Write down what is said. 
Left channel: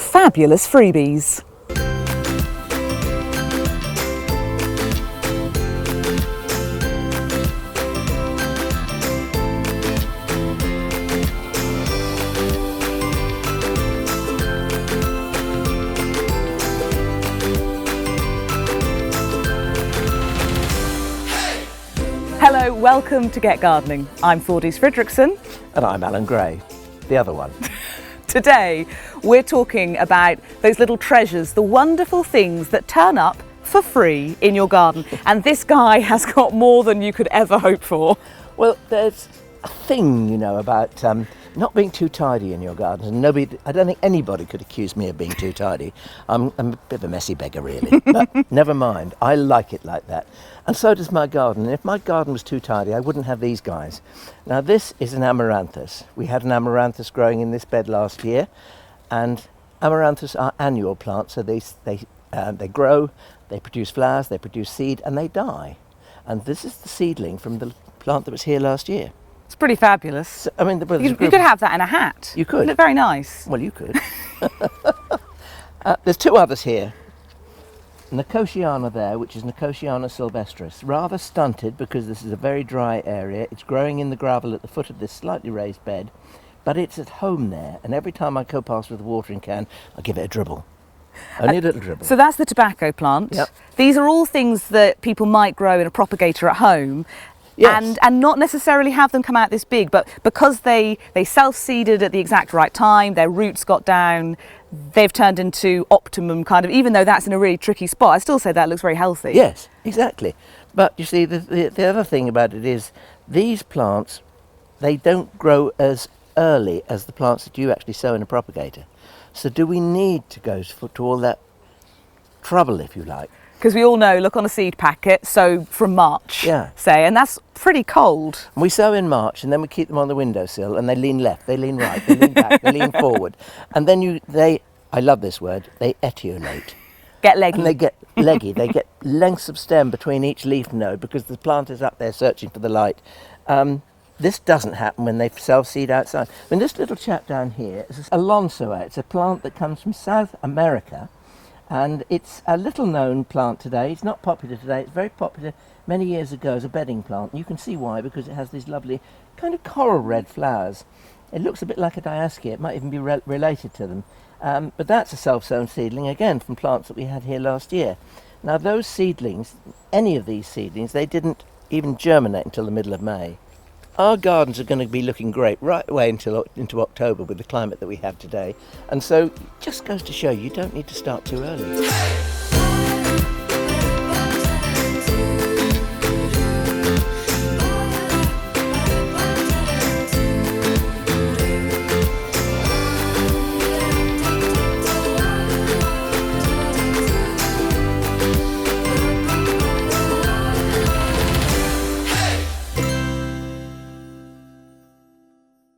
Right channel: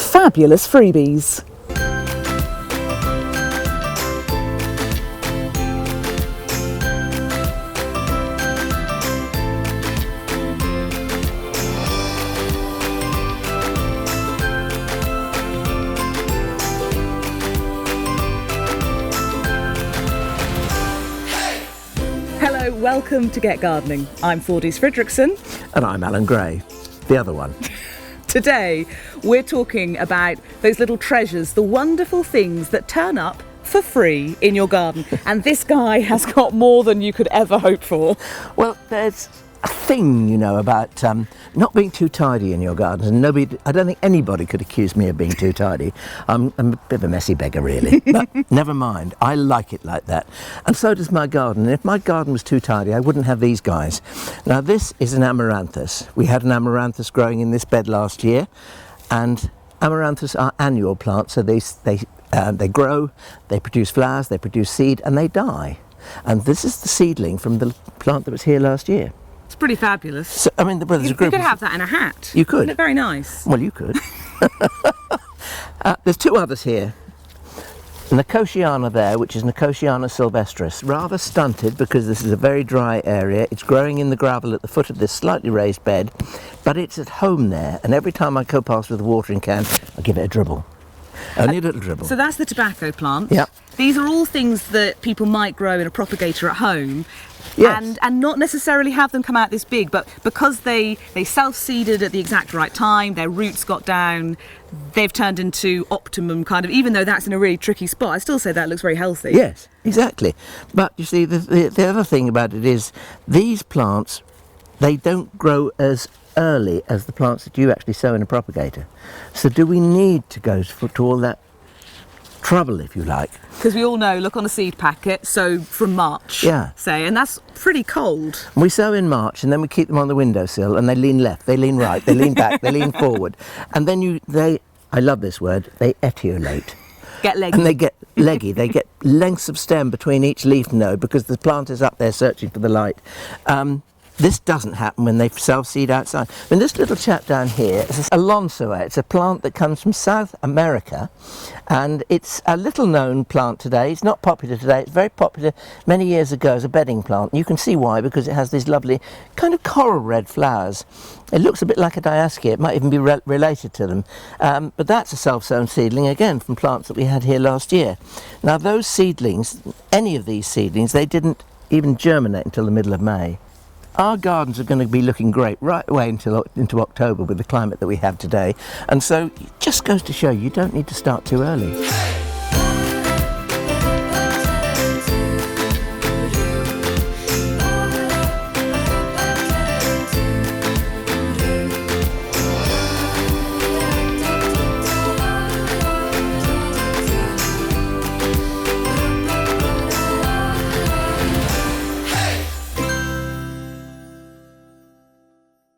fabulous freebies. Hello, welcome to Get Gardening. I'm Thordis Fredrickson. And I'm Alan Gray, the other one. Today, we're talking about those little treasures, the wonderful things that turn up for free in your garden. And this guy has got more than you could ever hope for. Well, there's a thing, you know, about not being too tidy in your gardens. And I don't think anybody could accuse me of being too tidy. I'm a bit of a messy beggar, really. But never mind, I like it like that. And so does my garden. And if my garden was too tidy, I wouldn't have these guys. Now, this is an amaranthus. We had an amaranthus growing in this bed last year. And amaranthus are annual plants, so they grow, they produce flowers, they produce seed, and they die. And this is the seedling from the plant that was here last year. It's pretty fabulous. So, I mean, You could have that in a hat. You could. Isn't it very nice? Well, you could. There's two others here. Nicotiana there, which is Nicotiana sylvestris, rather stunted because this is a very dry area. It's growing in the gravel at the foot of this slightly raised bed, but it's at home there, and every time I go past with a watering can, I give it a dribble. Only a little dribble. So that's the tobacco plant. Yep. These are all things that people might grow in a propagator at home. Yes. And not necessarily have them come out this big, but because they self-seeded at the exact right time, their roots got down, they've turned into optimum kind of, even though that's in a really tricky spot, I still say that looks very healthy. Yes, exactly. But you see, the other thing about it is these plants, they don't grow as early as the plants that you actually sow in a propagator. So do we need to go to all that trouble, if you like? Because we all know, look on a seed packet, sow from March, say, and that's pretty cold. We sow in March and then we keep them on the windowsill and they lean left, they lean right, they lean back, they lean forward. And then I love this word, they etiolate. Get leggy. And they get leggy, they get lengths of stem between each leaf node because the plant is up there searching for the light. This doesn't happen when they self-seed outside. I mean, this little chap down here is a Alonsoa. It's a plant that comes from South America, and it's a little-known plant today. It's not popular today. It's very popular many years ago as a bedding plant. You can see why, because it has these lovely kind of coral red flowers. It looks a bit like a diascia. It might even be related to them. But that's a self-sown seedling, again, from plants that we had here last year. Now, those seedlings, any of these seedlings, they didn't even germinate until the middle of May. Our gardens are going to be looking great right away into October with the climate that we have today. And so it just goes to show you don't need to start too early.